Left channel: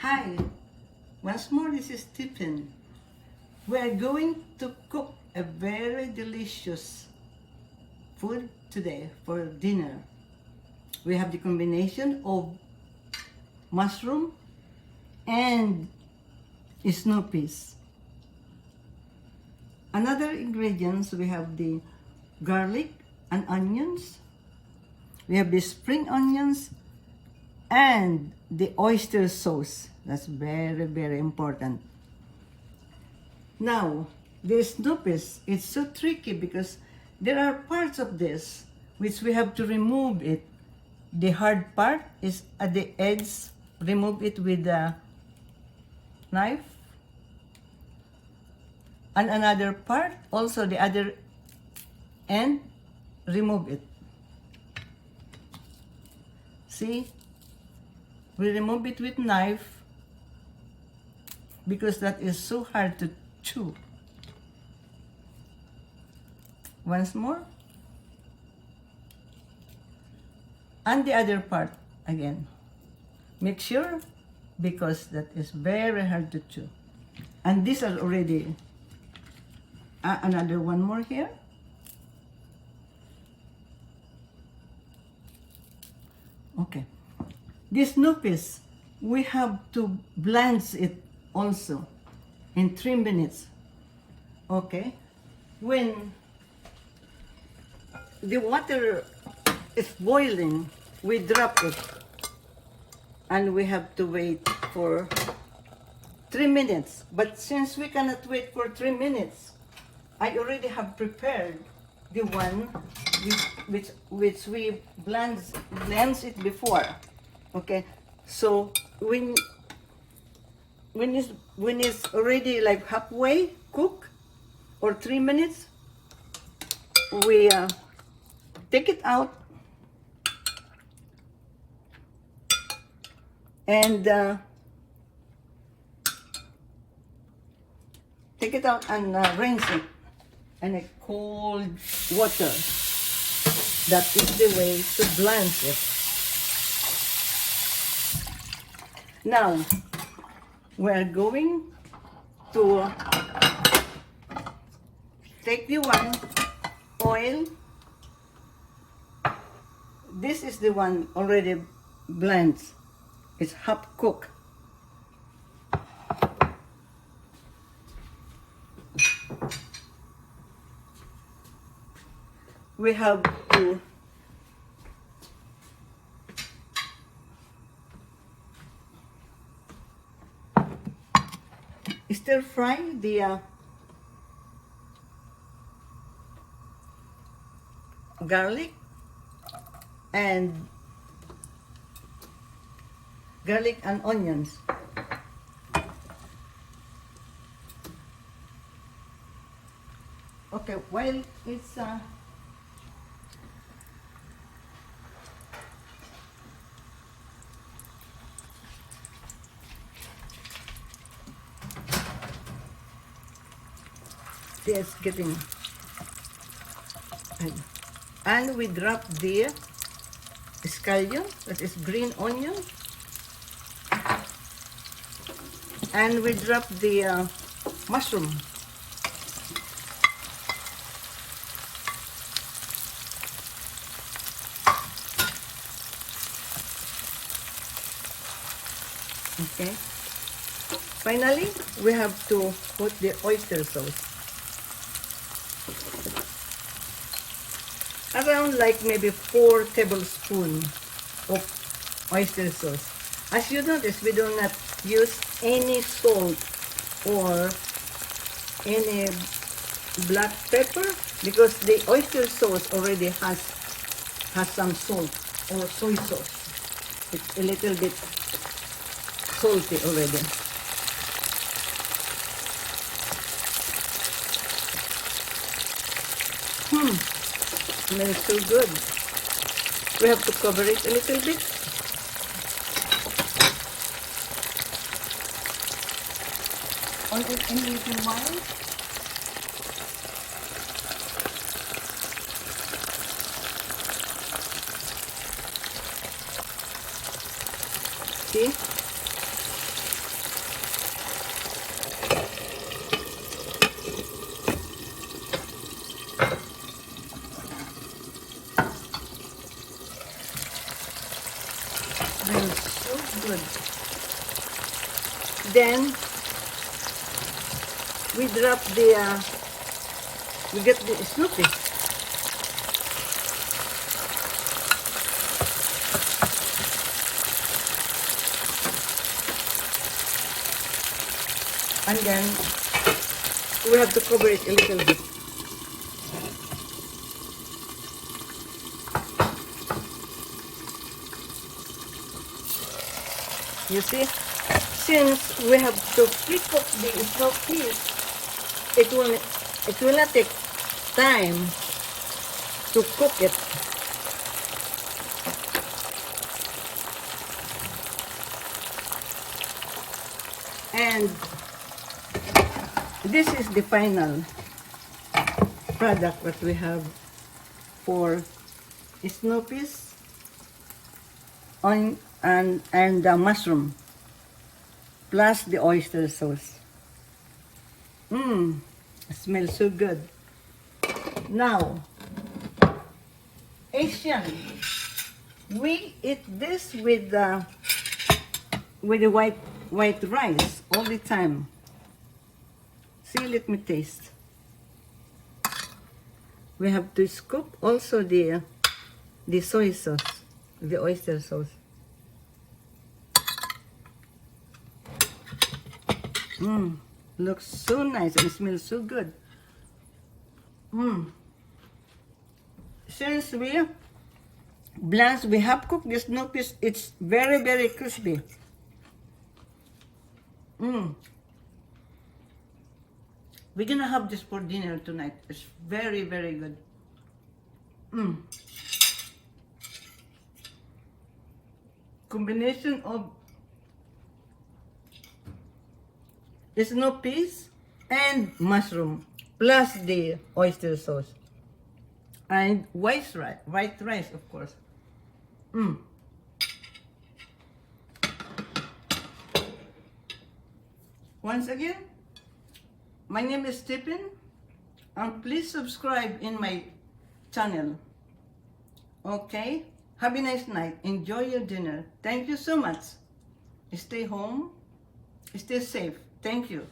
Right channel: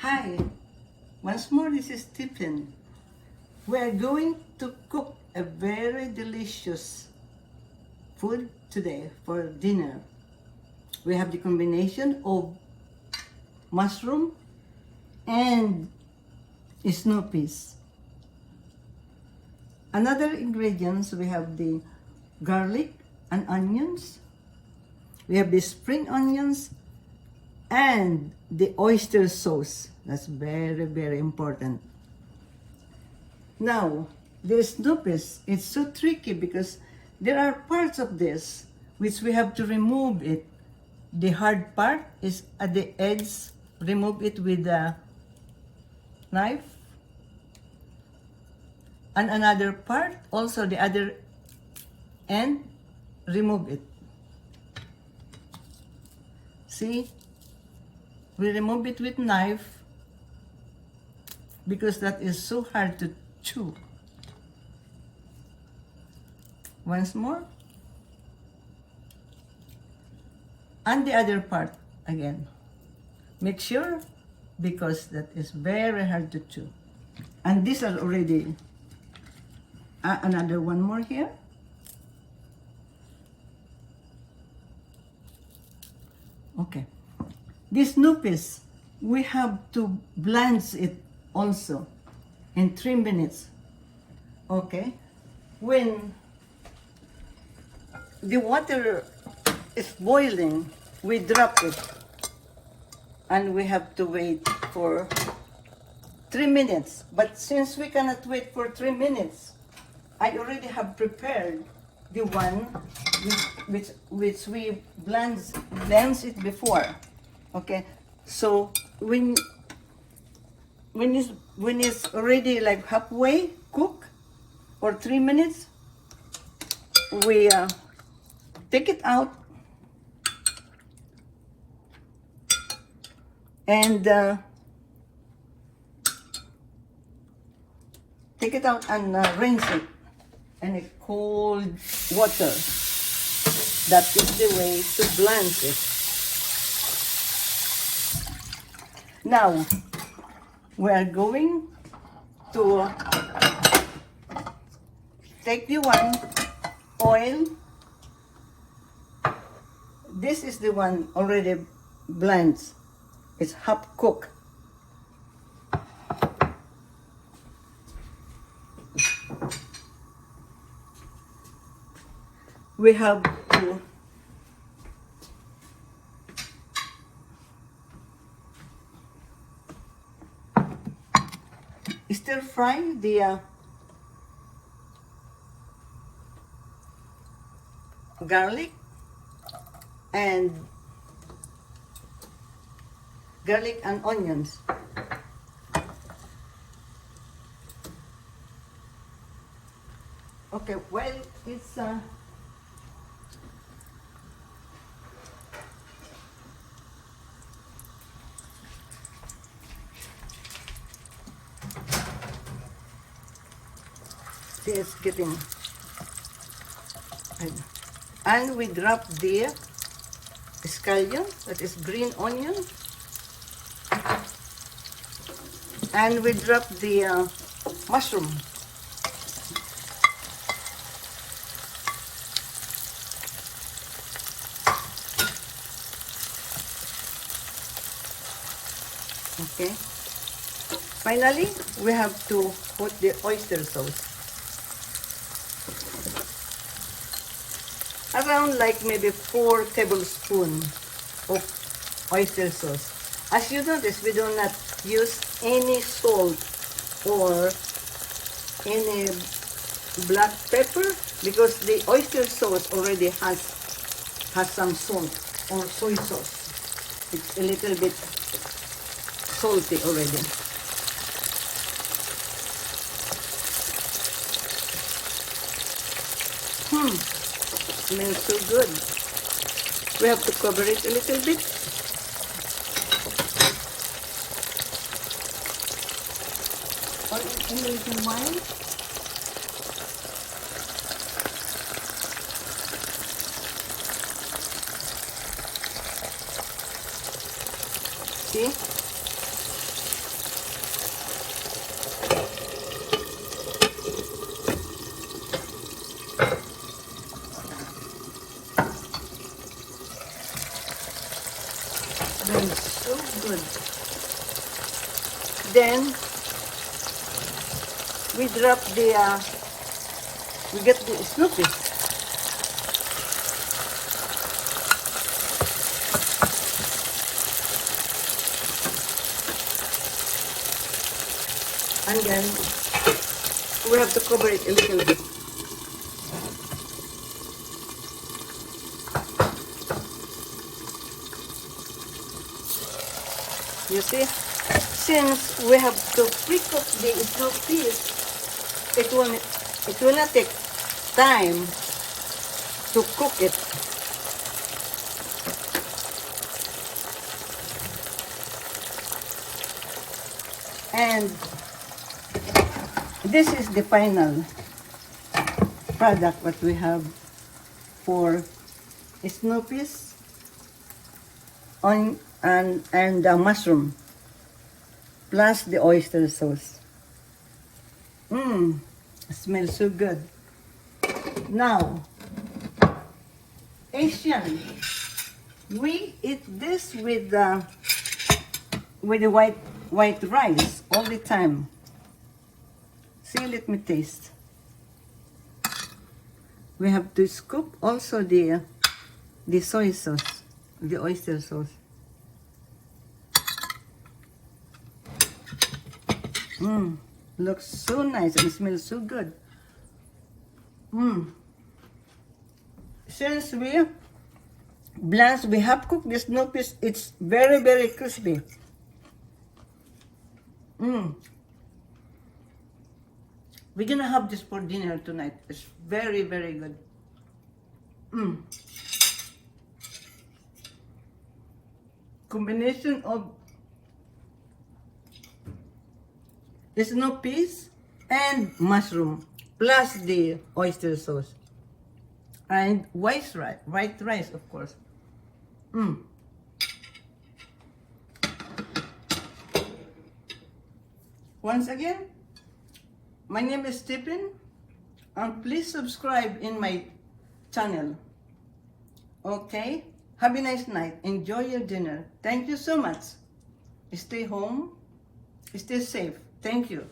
Hi, once more this is Tipin. We are going to cook a very delicious food today for dinner. We have the combination of mushroom and snow peas. Another ingredients, we have the garlic and onions. We have the spring onions and the oyster sauce. That's very, very important. Now, the snow peas, it's so tricky because there are parts of this which we have to remove it. The hard part is at the edge. Remove it with a knife. And another part, also the other end, remove it. See? We remove it with knife because that is so hard to chew. Once more. And the other part again. Make sure because that is very hard to chew. And these are already another one more here. Okay. This noopis, we have to blanch it also in 3 minutes. Okay. When the water is boiling, we drop it. And we have to wait for 3 minutes. But since we cannot wait for 3 minutes, I already have prepared the one which we blanched it before. Okay, so when it's already like halfway cooked or 3 minutes, we take it out and rinse it in a cold water. That is the way to blanch it. Now, we are going to take the one oil. This is the one already blanched. It's half cooked. We have to stir fry the garlic and onions. Okay, while it's getting, and we drop the scallion, that is green onion, and we drop the mushroom. Okay. Finally, we have to put the oyster sauce. Around like maybe 4 tablespoons of oyster sauce. As you notice, we do not use any salt or any black pepper because the oyster sauce already has some salt or soy sauce. It's a little bit salty already. Smells so good. We have to cover it a little bit. On it in the mind. See? Then we drop the, we get the Snoopy. And then we have to cover it a little bit. You see, since we have to pre-cook the Snoopy, it will not take time to cook it. And this is the final product that we have for Snoopy's on and the mushroom plus the oyster sauce. It smells so good. Now, Asian, we eat this with the white rice all the time. See, let me taste. We have to scoop also the soy sauce, the oyster sauce. Looks so nice and smells so good. Since we have cooked this Snoopy, it's very, very crispy. We're gonna have this for dinner tonight. It's very, very good. Combination of Snoopy's and mushroom plus the oyster sauce and white rice, of course. Once again, my name is Tipin, and please subscribe in my channel. Okay? Have a nice night. Enjoy your dinner. Thank you so much. Stay home. Stay safe. Thank you.